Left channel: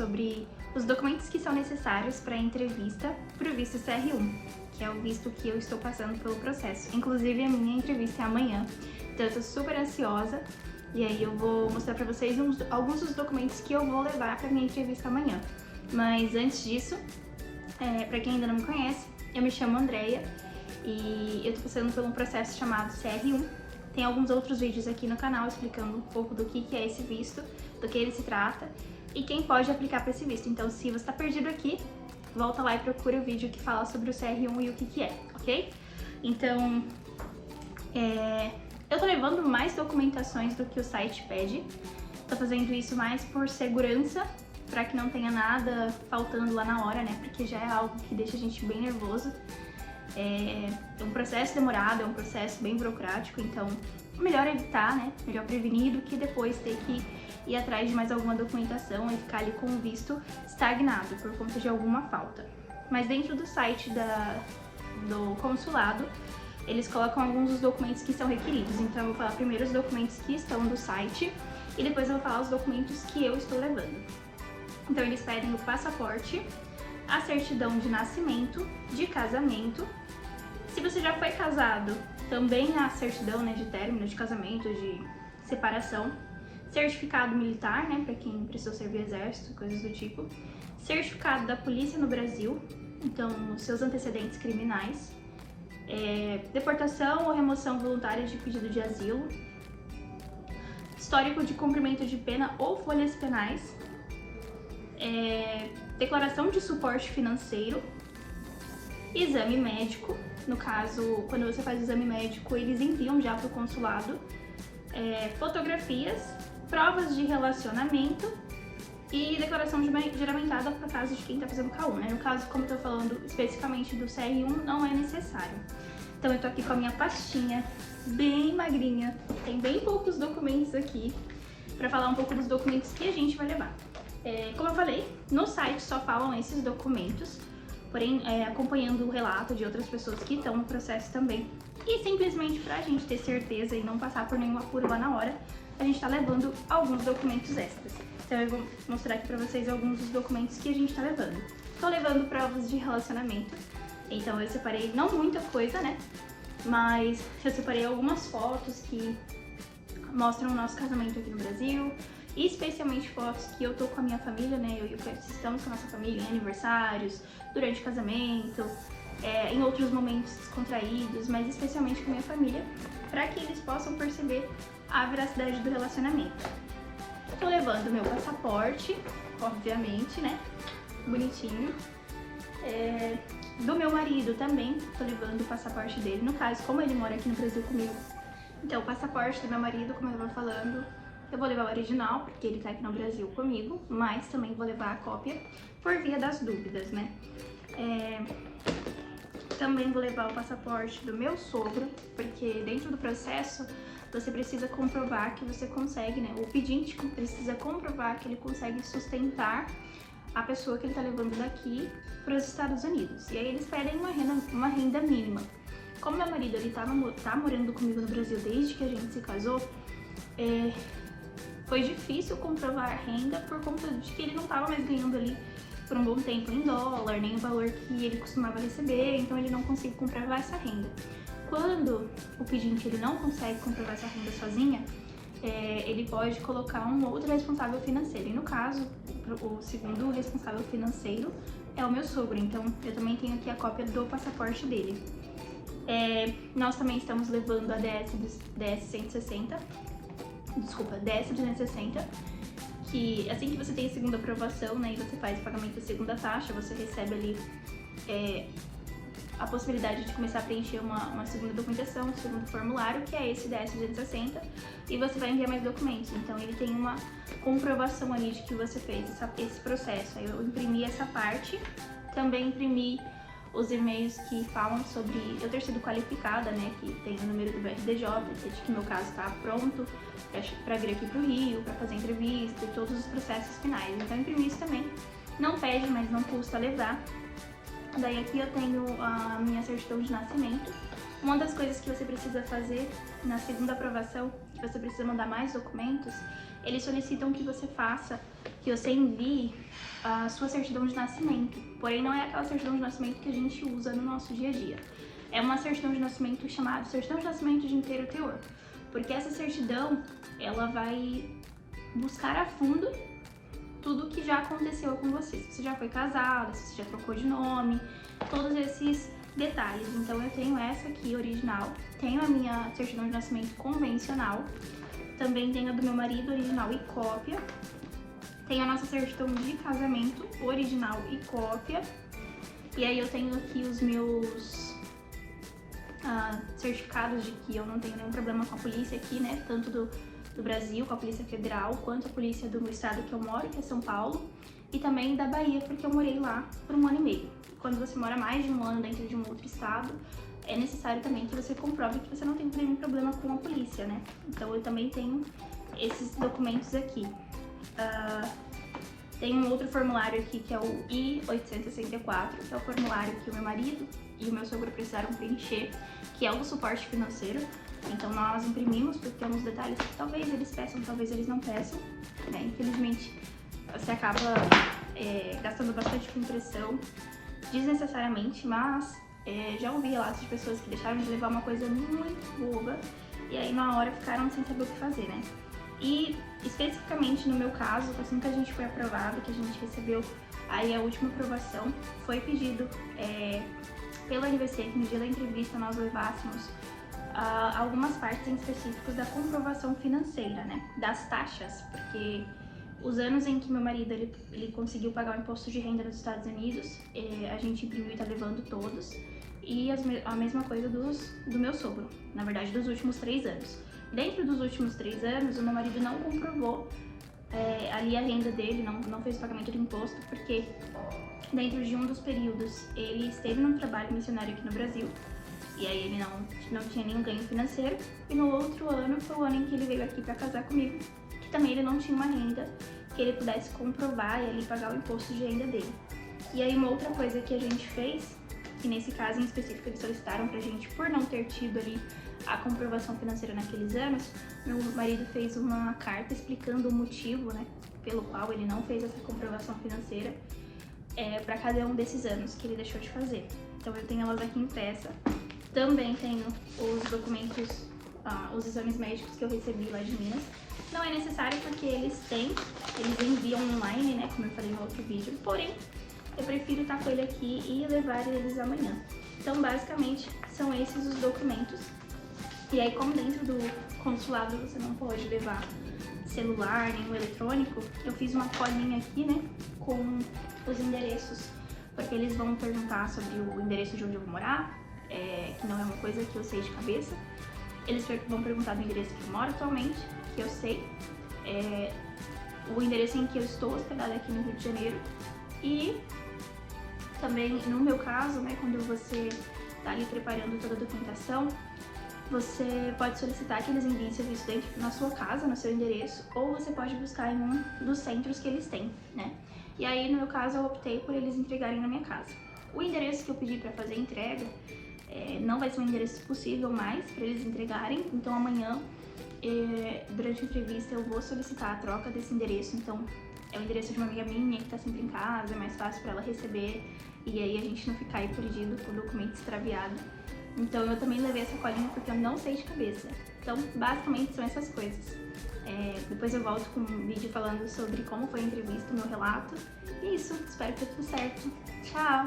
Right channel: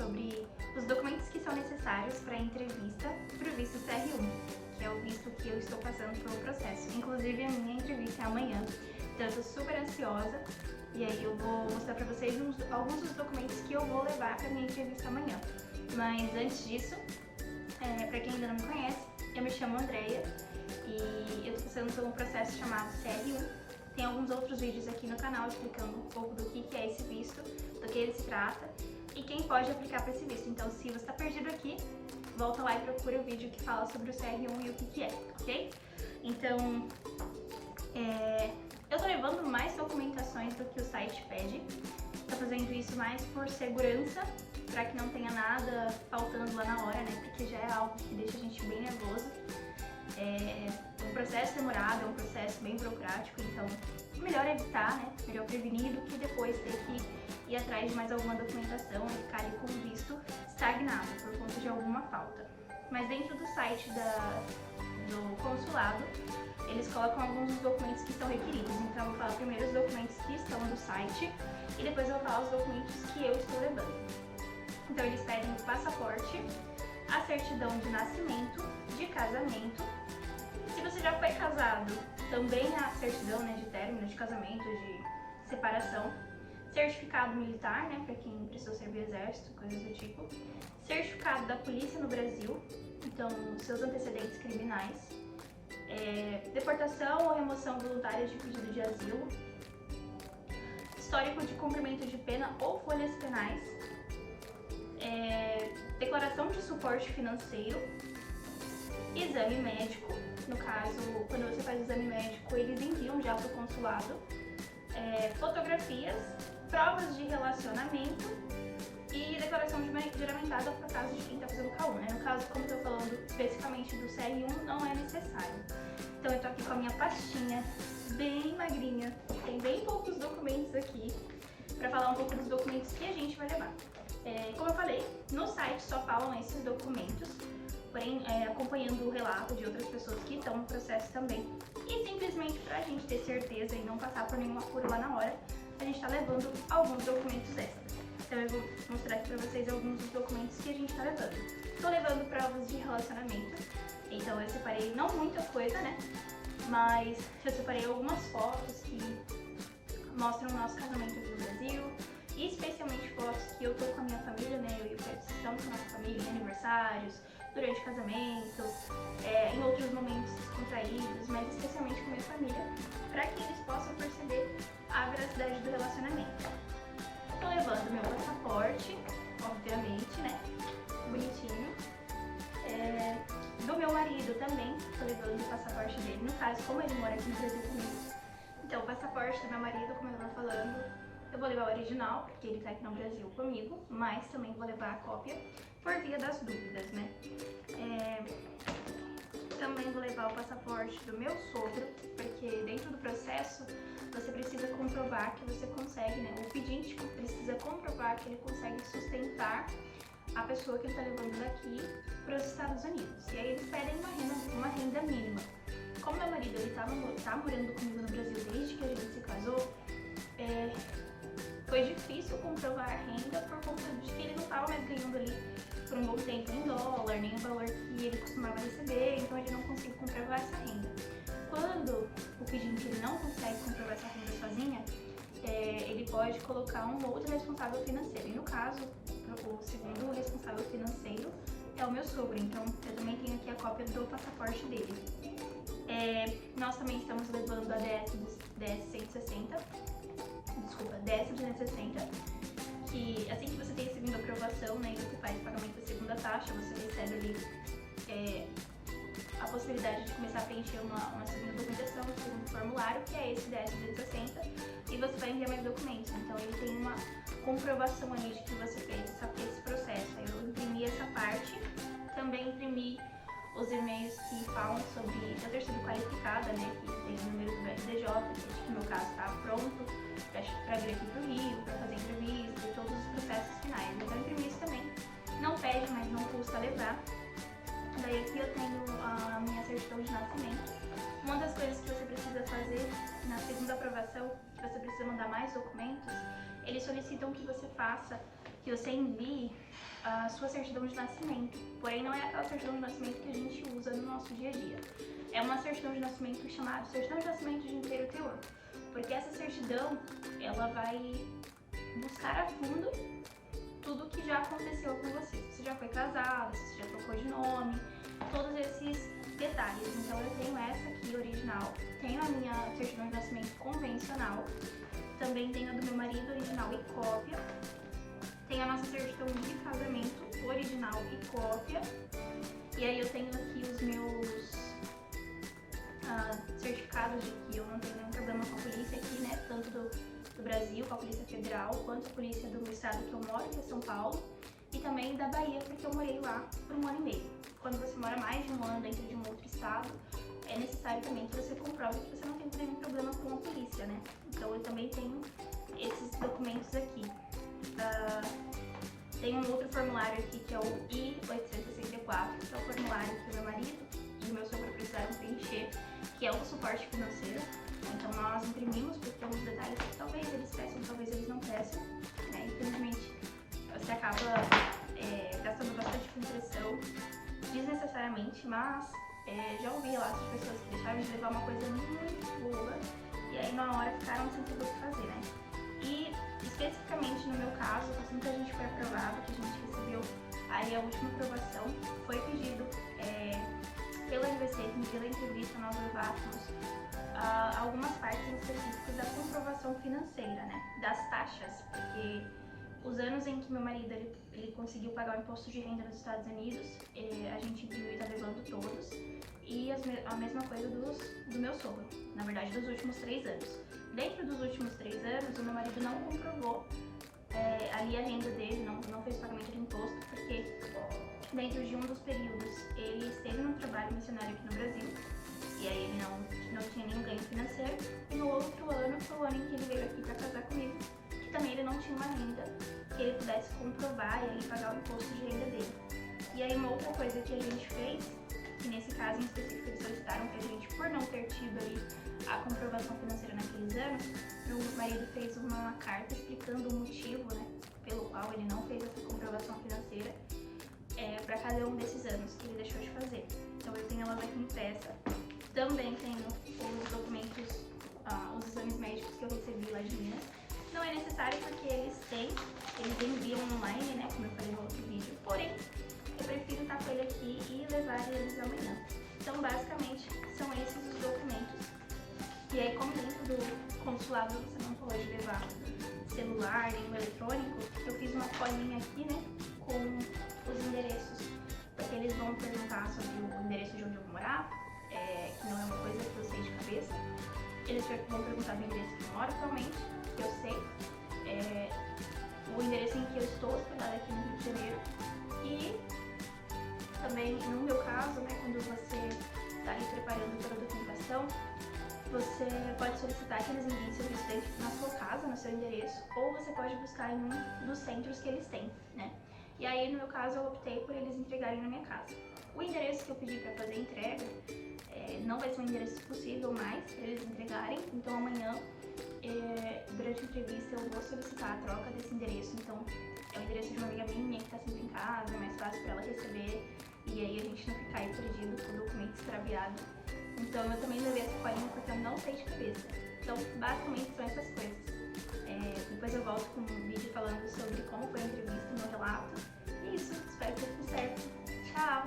sobre os documentos que são necessários para a entrevista para o visto CR1, que é o visto que eu estou passando pelo processo. Inclusive, a minha entrevista é amanhã, então eu tô super ansiosa. E aí eu vou mostrar pra vocês alguns dos documentos que eu vou levar pra minha entrevista amanhã. Mas antes disso, pra quem ainda não me conhece, eu me chamo Andreia e eu tô passando por um processo chamado CR1. Tem alguns outros vídeos aqui no canal explicando um pouco do que é esse visto, do que ele se trata e quem pode aplicar pra esse visto. Então, se você tá perdido aqui, volta lá e procura o vídeo que fala sobre o CR1 e o que é, ok? Então, eu tô levando mais documentações do que o site pede. Tô fazendo isso mais por segurança, pra que não tenha nada faltando lá na hora, né? Porque já é algo que deixa a gente bem nervoso. É um processo demorado, é um processo bem burocrático, então melhor evitar, né? Melhor prevenir do que depois ter que ir atrás de mais alguma documentação e ficar ali com o visto estagnado por conta de alguma falta. Mas dentro do site do consulado, eles colocam alguns dos documentos que são requeridos. Então eu vou falar primeiro os documentos que estão do site e depois eu vou falar os documentos que eu estou levando. Então eles pedem o passaporte, a certidão de nascimento, de casamento. Se você já foi casado, também a certidão, né, de término, de casamento, de separação. Certificado militar, né, para quem precisou servir exército, coisas do tipo. Certificado da polícia no Brasil, então seus antecedentes criminais. Deportação ou remoção voluntária de pedido de asilo, histórico de cumprimento de pena ou folhas penais, declaração de suporte financeiro, exame médico, no caso, quando você faz exame médico, eles enviam já para o consulado, fotografias, provas de relacionamento e declaração juramentada para caso de quem está fazendo K1, né? No caso, como eu tô falando especificamente do CR1, não é necessário. Então eu tô aqui com a minha pastinha bem magrinha, tem bem poucos documentos aqui, para falar um pouco dos documentos que a gente vai levar. Como eu falei, no site só falam esses documentos, porém acompanhando o relato de outras pessoas que estão no processo também. E simplesmente pra gente ter certeza e não passar por nenhum apuro lá na hora, a gente tá levando alguns documentos extras. Então eu vou mostrar aqui pra vocês alguns dos documentos que a gente tá levando. Tô levando provas de relacionamento, então eu separei não muita coisa, né? Mas eu separei algumas fotos que mostram o nosso casamento aqui no Brasil, e especialmente fotos que eu tô com a minha família, né? Eu e o Fred estamos com a nossa família em aniversários, durante o casamento, em outros momentos descontraídos, mas especialmente com a minha família, para que eles possam perceber a veracidade do relacionamento. Tô levando meu passaporte, obviamente, né? Bonitinho. Do meu marido também, tô levando o passaporte dele. No caso, como ele mora aqui no Brasil comigo, então o passaporte do meu marido, como eu tava falando, eu vou levar o original, porque ele tá aqui no Brasil comigo, mas também vou levar a cópia por via das dúvidas, né? Também vou levar o passaporte do meu sogro, porque dentro do processo você precisa comprovar que você consegue, né? O pedinte precisa comprovar que ele consegue sustentar a pessoa que ele tá levando daqui para os Estados Unidos. E aí eles pedem uma renda mínima. Como meu marido ele tá morando comigo no Brasil desde que a gente se casou, foi difícil comprovar a renda por conta de que ele não estava mais ganhando ali por um bom tempo em dólar, nem o valor que ele costumava receber, então ele não conseguiu comprovar essa renda. Quando o pedinte ele não consegue comprovar essa renda sozinha, ele pode colocar um outro responsável financeiro. E no caso, o segundo responsável financeiro é o meu sogro, então eu também tenho aqui a cópia do passaporte dele. Nós também estamos levando a DS-260, que assim que você tem a segunda aprovação, né, e você faz o pagamento da segunda taxa, você recebe ali a possibilidade de começar a preencher uma segunda documentação, um segundo formulário, que é esse DS-260, e você vai enviar mais documentos. Então ele tem uma comprovação ali de que você fez esse processo. Aí eu imprimi essa parte, também imprimi os e-mails que falam sobre eu ter sido qualificada, né, que tem o número do VRDJ, que no meu caso está pronto para vir aqui pro Rio, para fazer entrevista e todos os processos finais. Então eu imprimi isso também, não pede, mas não custa levar. Daí aqui eu tenho a minha certidão de nascimento. Uma das coisas que você precisa fazer na segunda aprovação, que você precisa mandar mais documentos, eles solicitam que você faça que você envie a sua certidão de nascimento. Porém, não é aquela certidão de nascimento que a gente usa no nosso dia a dia. É uma certidão de nascimento chamada certidão de nascimento de inteiro teor. Porque essa certidão, ela vai buscar a fundo tudo que já aconteceu com você. Se você já foi casada, se você já trocou de nome, todos esses detalhes. Então eu tenho essa aqui, original. Tenho a minha certidão de nascimento convencional. Também tenho a do meu marido, original e cópia. Tenho a nossa certidão de casamento, original e cópia. E aí eu tenho aqui os meus certificados de que eu não tenho nenhum problema com a polícia aqui, né? Tanto do Brasil, com a Polícia Federal, quanto a polícia do meu estado que eu moro, que é São Paulo. E também da Bahia, porque eu morei lá por 1 ano e meio. Quando você mora mais de 1 ano dentro de um outro estado, é necessário também que você comprove que você não tem nenhum problema com a polícia, né? Então eu também tenho esses documentos aqui. Tem um outro formulário aqui que é o I-864, que é o formulário que o meu marido e o meu sogro precisaram preencher, que é o do suporte financeiro. Então nós imprimimos porque tem uns detalhes que talvez eles peçam, talvez eles não peçam, né? Infelizmente você acaba gastando bastante com impressão desnecessariamente, mas já ouvi relatos de pessoas que deixaram de levar uma coisa muito boba e aí na hora ficaram sem saber o que fazer, né? E especificamente no meu caso, assim que a gente foi aprovado, que a gente recebeu aí a última aprovação, foi pedido pela RVC que no dia da entrevista nós levássemos algumas partes em específicos da comprovação financeira, né? Das taxas, porque os anos em que meu marido ele conseguiu pagar o imposto de renda nos Estados Unidos, a gente imprimiu e tá levando todos. E a mesma coisa do meu sogro, na verdade dos últimos 3 anos. Dentro dos últimos 3 anos, o meu marido não comprovou ali a renda dele, não fez o pagamento do imposto, porque dentro de um dos períodos ele esteve num trabalho missionário aqui no Brasil, e aí ele não tinha nenhum ganho financeiro, e no outro ano foi o ano em que ele veio aqui para casar comigo, que também ele não tinha uma renda que ele pudesse comprovar e ali pagar o imposto de renda dele. E aí uma outra coisa que a gente fez, que nesse caso em específico eles solicitaram pra gente por não ter tido ali a comprovação financeira naqueles anos, meu marido fez uma carta explicando o motivo, né, pelo qual ele não fez essa comprovação financeira para cada um desses anos que ele deixou de fazer. Então eu tenho elas aqui impressa. Também tenho os documentos, os exames médicos que eu recebi lá de Minas. Não é necessário porque eles enviam online, né, como eu falei no outro vídeo, porém eu prefiro estar com ele aqui e levar eles amanhã. Então basicamente são esses os documentos. E aí, como dentro do consulado você não pode levar celular, nenhum eletrônico, eu fiz uma colinha aqui, né, com os endereços, porque eles vão perguntar sobre o endereço de onde eu vou morar, que não é uma coisa que eu sei de cabeça. Eles vão perguntar do endereço que eu moro atualmente, que eu sei, o endereço em que eu estou hospedada aqui no Rio de Janeiro, e também, no meu caso, né, quando você está ali preparando toda a documentação, você pode solicitar que eles enviem serviço dentro na sua casa, no seu endereço, ou você pode buscar em um dos centros que eles têm, né? E aí, no meu caso, eu optei por eles entregarem na minha casa. O endereço que eu pedi para fazer a entrega não vai ser um endereço possível mais para eles entregarem, então amanhã, durante a entrevista, eu vou solicitar a troca desse endereço. Então, é o endereço de uma amiga minha que tá sempre em casa, é mais fácil para ela receber, e aí a gente não ficar aí perdido com o documento extraviado. Então eu também levei essa colinha porque eu não sei de cabeça. Então basicamente são essas coisas. Depois eu volto com um vídeo falando sobre como foi a entrevista, meu relato. E isso, espero que dê tudo certo. Tchau!